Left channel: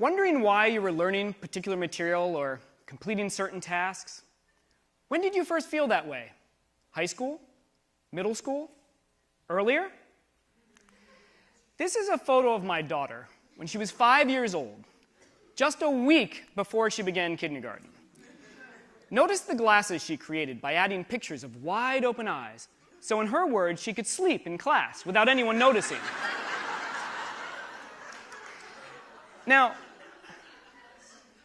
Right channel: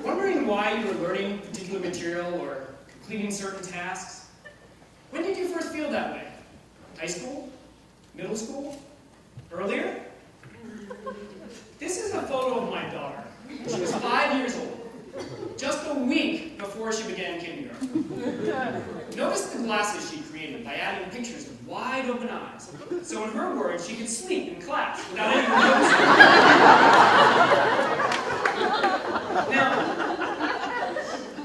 Wondering why you were learning particular material or completing certain tasks? When did you first feel that way? High school? Middle school? Earlier? This is a photo of my daughter when she was 5 years old, just a week before she began kindergarten. Notice the glasses she created by adding pictures of wide open eyes, so in her words, she could sleep in class without anyone noticing. Now,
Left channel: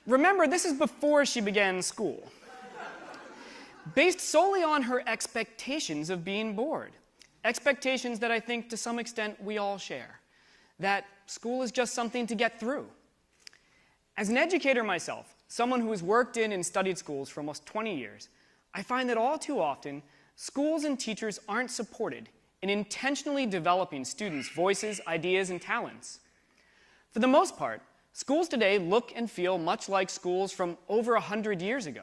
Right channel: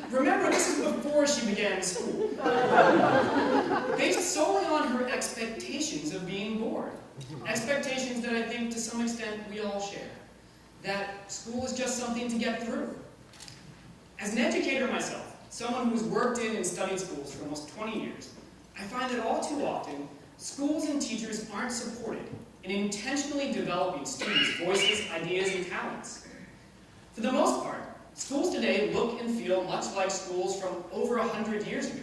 remember, this is before she began school, based solely on her expectations of being bored. Expectations that I think to some extent we all share. That school is just something to get through. As an educator myself, someone who's worked in and studied schools for almost 20 years, I find that all too often, schools and teachers aren't supported in intentionally developing students' voices, ideas, and talents. For the most part, schools today look and feel much like schools from over 100 years ago.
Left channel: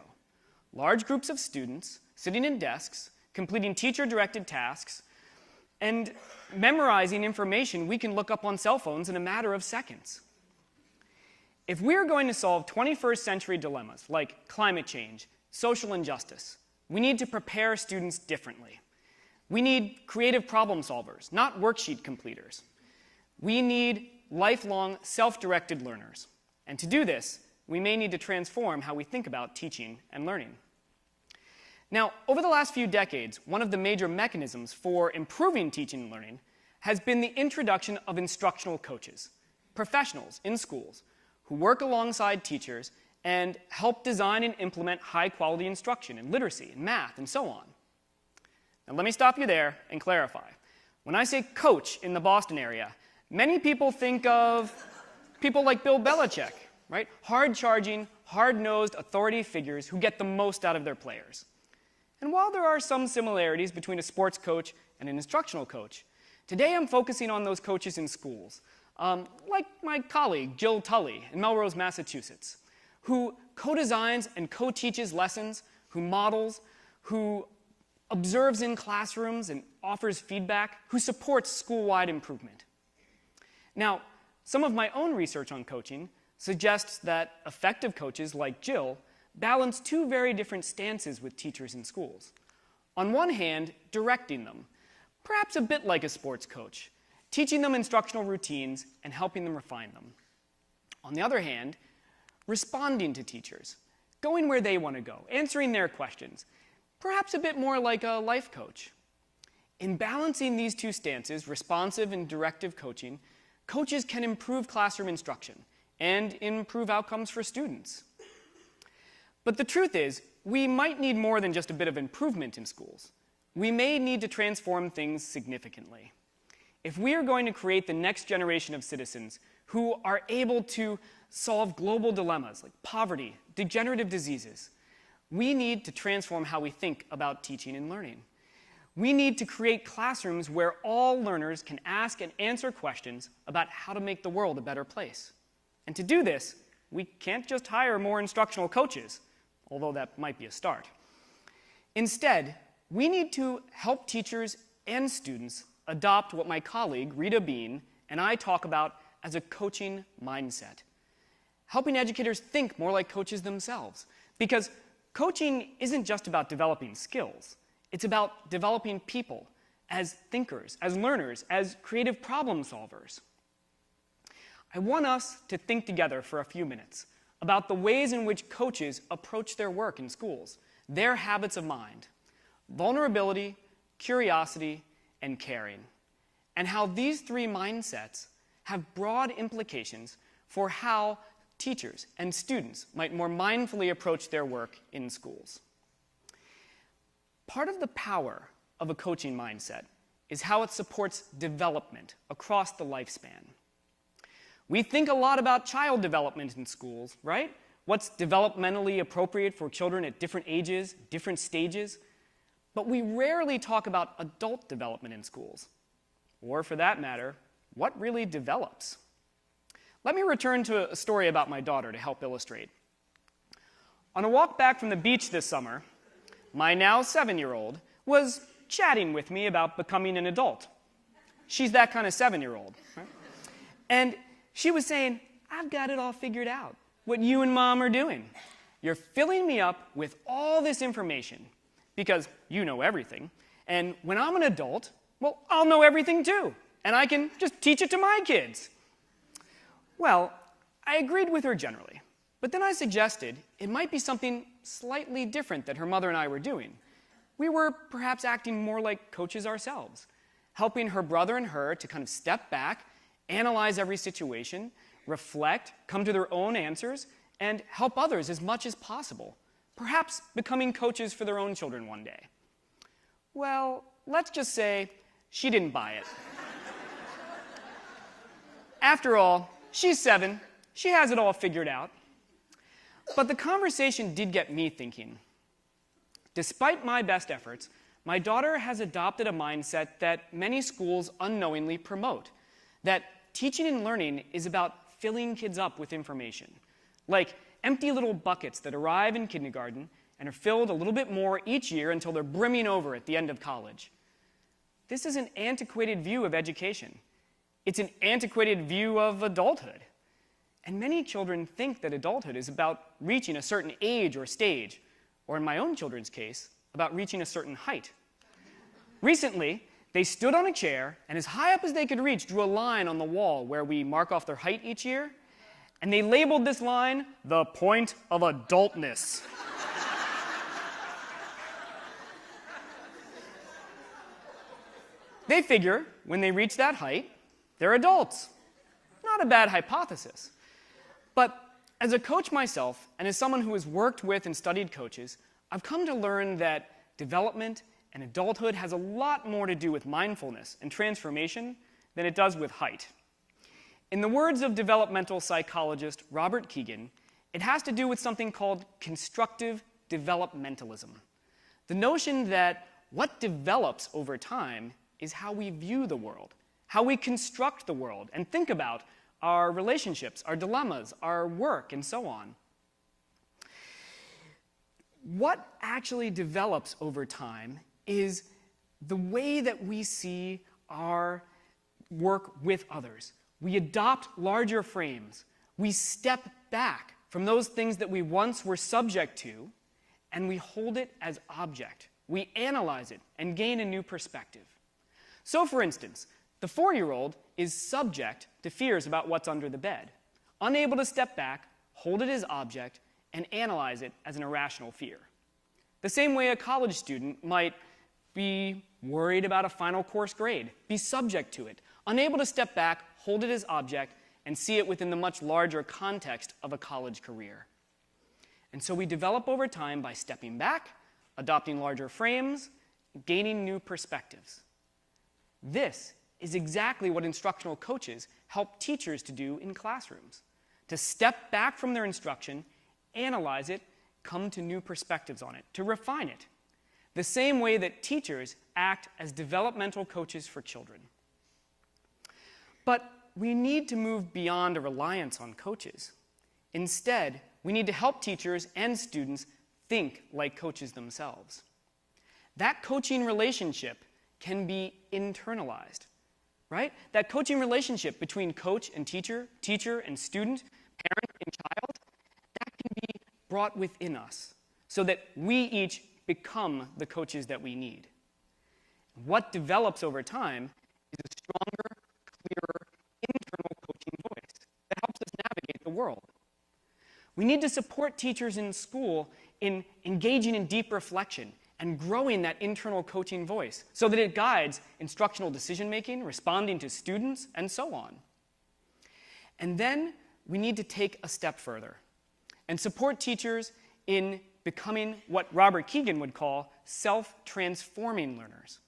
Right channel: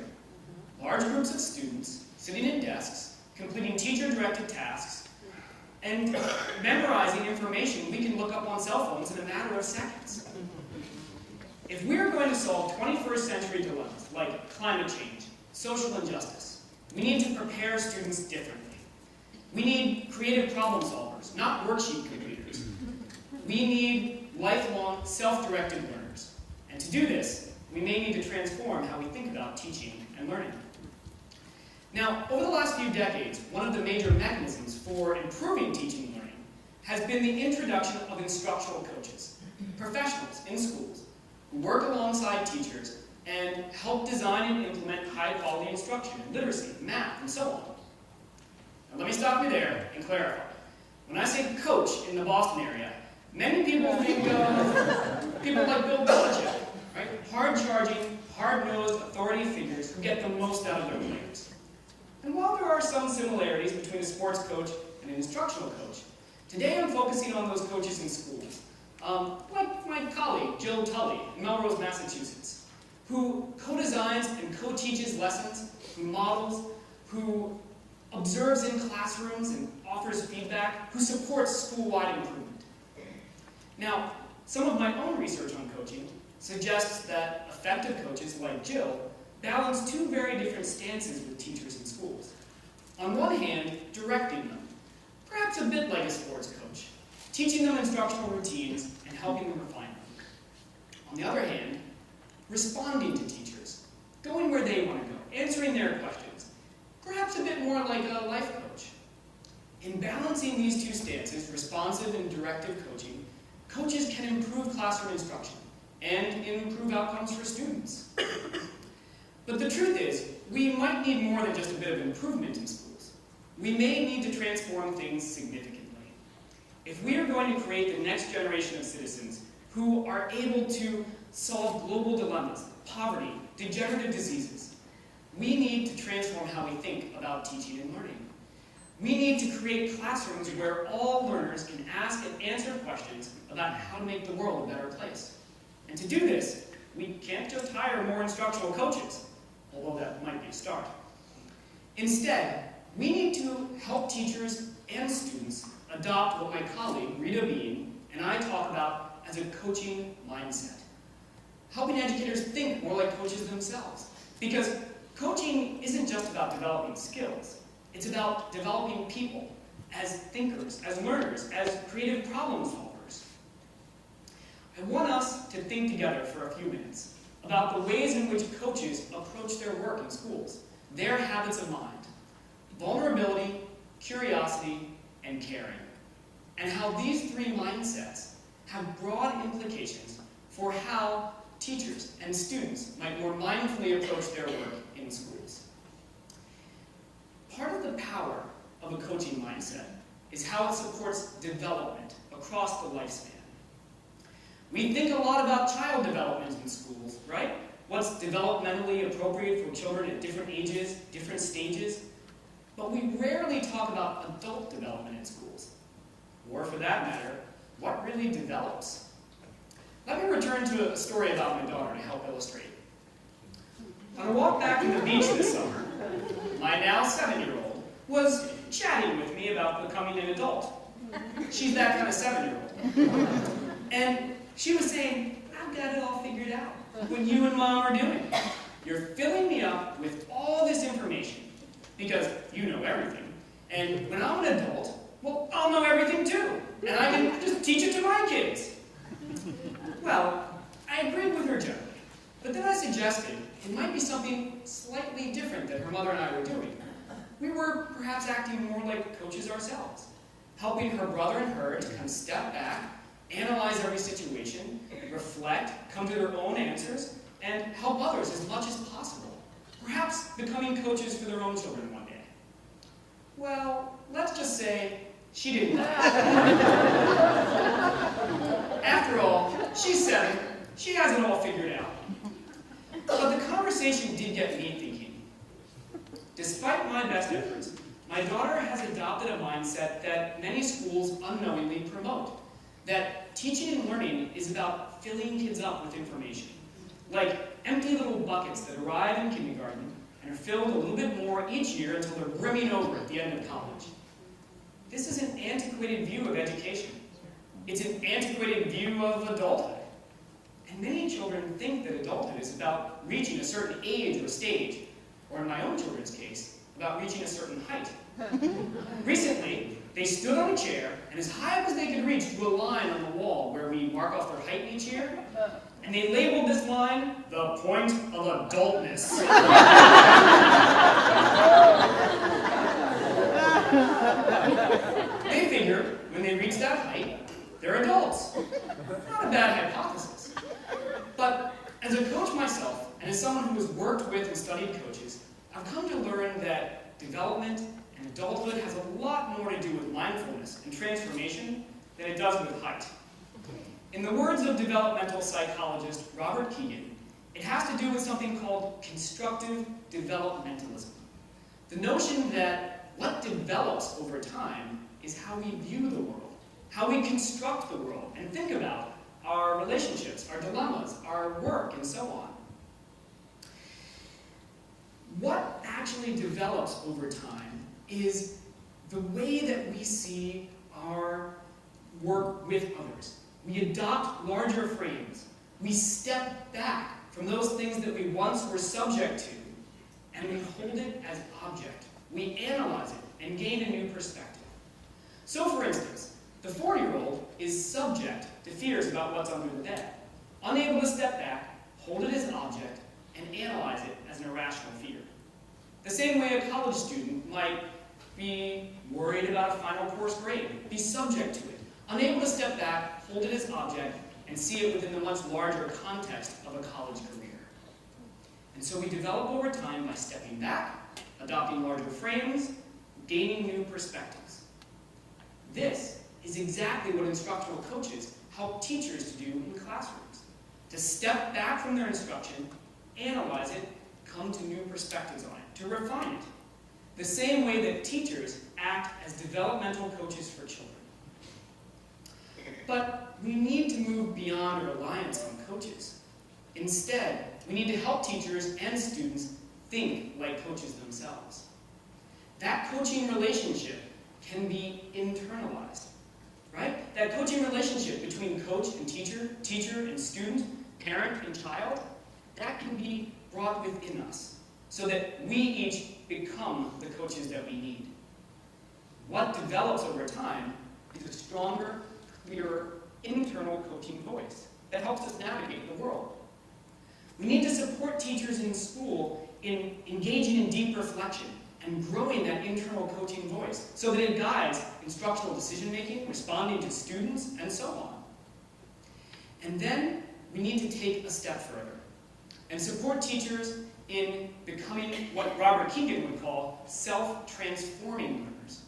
Large groups of students sitting in desks, completing teacher-directed tasks, and memorizing information we can look up on cell phones in a matter of seconds. If we're going to solve 21st century dilemmas like climate change, social injustice, we need to prepare students differently. We need creative problem solvers, not worksheet completers. We need lifelong, self-directed learners. And to do this, we may need to transform how we think about teaching and learning. Now, over the last few decades, one of the major mechanisms for improving teaching and learning has been the introduction of instructional coaches, professionals in schools who work alongside teachers and help design and implement high-quality instruction in literacy, math, and so on. Now, let me stop you there and clarify. When I say coach in the Boston area, many people think of people like Bill Belichick, right? Hard-charging, hard-nosed authority figures who get the most out of their players. And while there are some similarities between a sports coach and an instructional coach, today I'm focusing on those coaches in schools, like my colleague Jill Tully in Melrose, Massachusetts, who co-designs and co-teaches lessons, who models, who observes in classrooms and offers feedback, who supports school-wide improvement. Now, some of my own research on coaching suggests that effective coaches like Jill balance two very different stances with teachers in schools. On one hand, directing them, perhaps a bit like a sports coach, teaching them instructional routines and helping them refine them. On the other hand, responding to teachers, going where they want to go, answering their questions, perhaps a bit more like a life coach. In balancing these two stances, responsive and directive coaching, coaches can improve classroom instruction and improve outcomes for students. But the truth is, we might need more than just a bit of improvement in schools. We may need to transform things significantly. If we are going to create the next generation of citizens who are able to solve global dilemmas like poverty, degenerative diseases, we need to transform how we think about teaching and learning. We need to create classrooms where all learners can ask and answer questions about how to make the world a better place. And to do this, we can't just hire more instructional coaches, although that might be a start. Instead, we need to help teachers and students adopt what my colleague, Rita Bean, and I talk about as a coaching mindset. Helping educators think more like coaches themselves. Because coaching isn't just about developing skills. It's about developing people as thinkers, as learners, as creative problem solvers. I want us to think together for a few minutes about the ways in which coaches approach their work in schools, their habits of mind, vulnerability, curiosity, and caring, and how these three mindsets have broad implications for how teachers and students might more mindfully approach their work in schools. Part of the power of a coaching mindset is how it supports development across the lifespan. We think a lot about child development in schools, right? What's developmentally appropriate for children at different ages, different stages. But we rarely talk about adult development in schools. Or for that matter, what really develops? Let me return to a story about my daughter to help illustrate. On a walk back from the beach this summer, my now 7-year-old was chatting with me about becoming an adult. She's that kind of 7-year-old. And she was saying, I've got it all figured out, what you and Mom are doing. You're filling me up with all this information because you know everything. And when I'm an adult, well, I'll know everything too. And I can just teach it to my kids. Well, I agreed with her generally. But then I suggested it might be something slightly different that her mother and I were doing. We were perhaps acting more like coaches ourselves, helping her brother and her to kind of step back, analyze every situation, reflect, come to their own answers, and help others as much as possible, perhaps becoming coaches for their own children one day. Well, let's just say she didn't buy it. After all, she's 7, she has it all figured out. But the conversation did get me thinking. Despite my best efforts, my daughter has adopted a mindset that many schools unknowingly promote, that teaching and learning is about filling kids up with information, like empty little buckets that arrive in kindergarten and are filled a little bit more each year until they're brimming over at the end of college. This is an antiquated view of education. It's an antiquated view of adulthood. And many children think that adulthood is about reaching a certain age or stage, or in my own children's case, about reaching a certain height. Recently, they stood on a chair and as high up as they could reach drew a line on the wall where we mark off their height each year, and they labeled this line, the point of adultness. They figure when they reach that height, they're adults. Not a bad hypothesis. But as a coach myself, and as someone who has worked with and studied coaches, I've come to learn that development and adulthood has a lot more to do with mindfulness and transformation than it does with height. In the words of developmental psychologist Robert Kegan, it has to do with something called constructive developmentalism. The notion that what develops over time is how we view the world, how we construct the world, and think about our relationships, our dilemmas, our work, and so on. What actually develops over time is the way that we see our work with others. We adopt larger frames. We step back from those things that we once were subject to, and we hold it as object. We analyze it and gain a new perspective. So, for instance, the 4-year-old is subject to fears about what's under the bed, unable to step back, hold it as object, and analyze it as an irrational fear. The same way a college student might be worried about a final course grade, be subject to it, unable to step back, hold it as object, and see it within the much larger context of a college career. And so we develop over time by stepping back, adopting larger frames, gaining new perspectives. This is exactly what instructional coaches help teachers to do in classrooms, to step back from their instruction, analyze it, come to new perspectives on it, to refine it, the same way that teachers act as developmental coaches for children. But we need to move beyond a reliance on coaches. Instead, we need to help teachers and students think like coaches themselves. That coaching relationship can be internalized, right? That coaching relationship between coach and teacher, teacher and student, parent and child, that can be brought within us so that we each become the coaches that we need. What develops over time is a stronger, clearer, internal coaching voice that helps us navigate the world. We need to support teachers in school in engaging in deep reflection and growing that internal coaching voice so that it guides instructional decision-making, responding to students, and so on. And then we need to take a step further and support teachers in becoming what Robert Kegan would call self-transforming learners.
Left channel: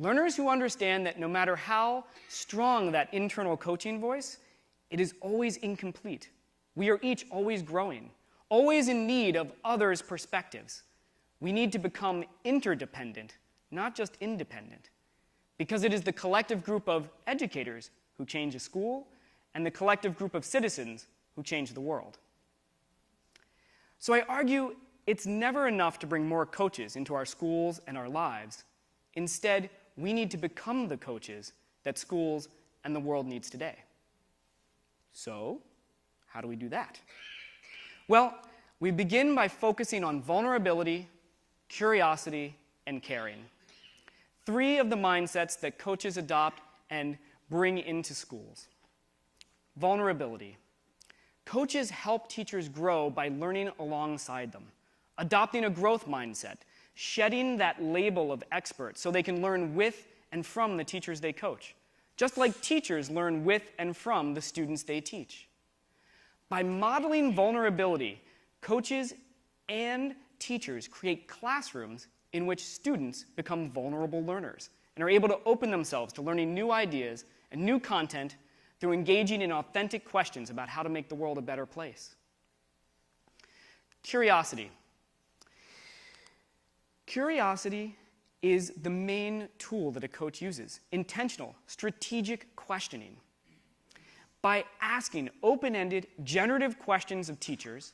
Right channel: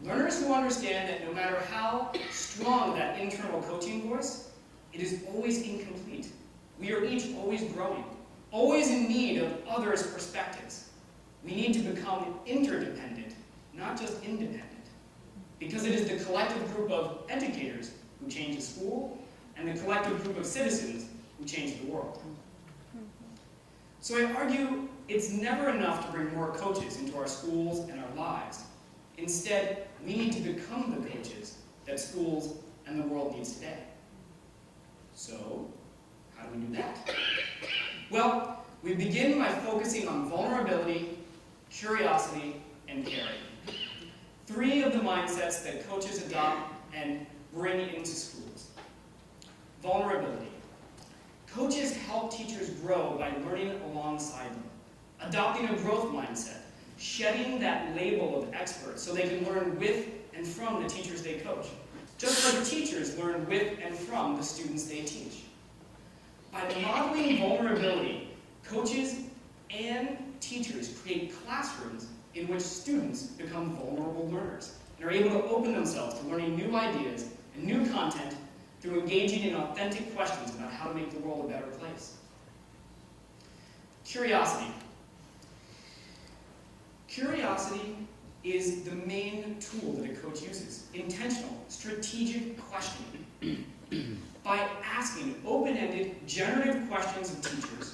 Learners who understand that no matter how strong that internal coaching voice, it is always incomplete. We are each always growing, always in need of others' perspectives. We need to become interdependent, not just independent, because it is the collective group of educators who change a school and the collective group of citizens who change the world. So I argue it's never enough to bring more coaches into our schools and our lives. Instead, we need to become the coaches that schools and the world needs today. So, how do we do that? Well, we begin by focusing on vulnerability, curiosity, and caring. 3 of the mindsets that coaches adopt and bring into schools. Vulnerability. Coaches help teachers grow by learning alongside them, adopting a growth mindset, shedding that label of expert so they can learn with and from the teachers they coach, just like teachers learn with and from the students they teach. By modeling vulnerability, coaches and teachers create classrooms in which students become vulnerable learners and are able to open themselves to learning new ideas and new content through engaging in authentic questions about how to make the world a better place. Curiosity. Curiosity is the main tool that a coach uses. Intentional, strategic questioning. By asking open-ended, generative questions of teachers,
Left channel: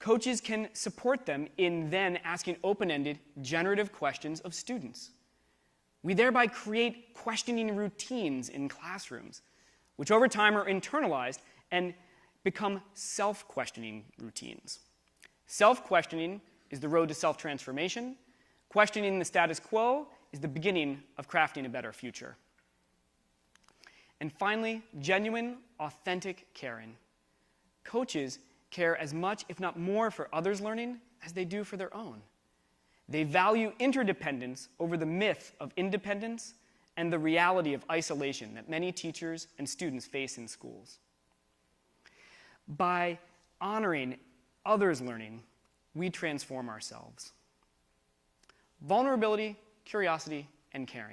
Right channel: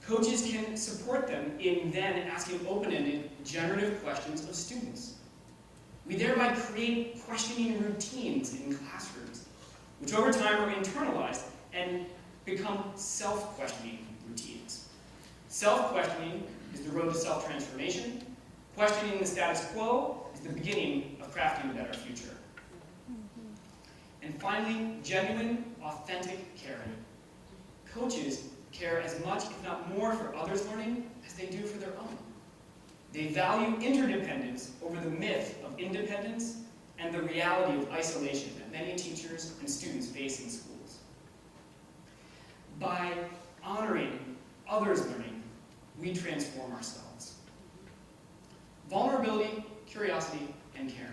coaches can support them in then asking open-ended, generative questions of students. We thereby create questioning routines in classrooms, which over time are internalized and become self-questioning routines. Self-questioning is the road to self-transformation. Questioning the status quo is the beginning of crafting a better future. And finally, genuine, authentic caring. Coaches care as much, if not more, for others' learning as they do for their own. They value interdependence over the myth of independence and the reality of isolation that many teachers and students face in schools. By honoring others' learning, we transform ourselves. Vulnerability, curiosity, and caring.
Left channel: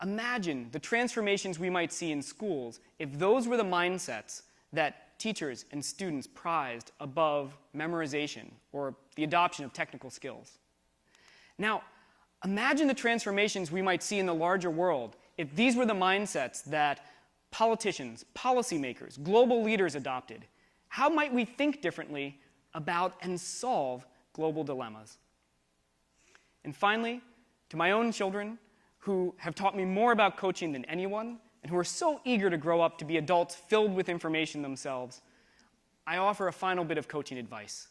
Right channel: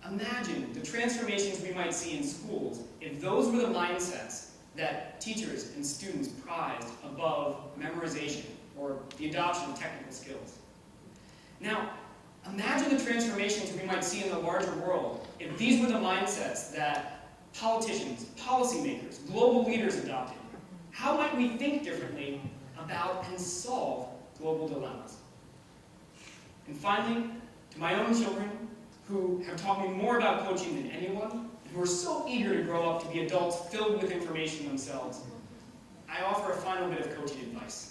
Imagine the transformations we might see in schools if those were the mindsets that teachers and students prized above memorization or the adoption of technical skills. Now, imagine the transformations we might see in the larger world if these were the mindsets that politicians, policymakers, global leaders adopted. How might we think differently about and solve global dilemmas? And finally, to my own children, who have taught me more about coaching than anyone, and who are so eager to grow up to be adults filled with information themselves, I offer a final bit of coaching advice.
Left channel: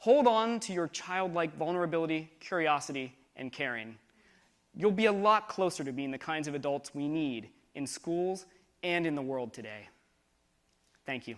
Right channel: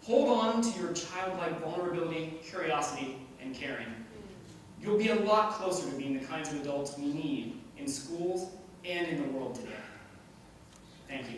Hold on to your childlike vulnerability, curiosity, and caring. You'll be a lot closer to being the kinds of adults we need in schools and in the world today. Thank you.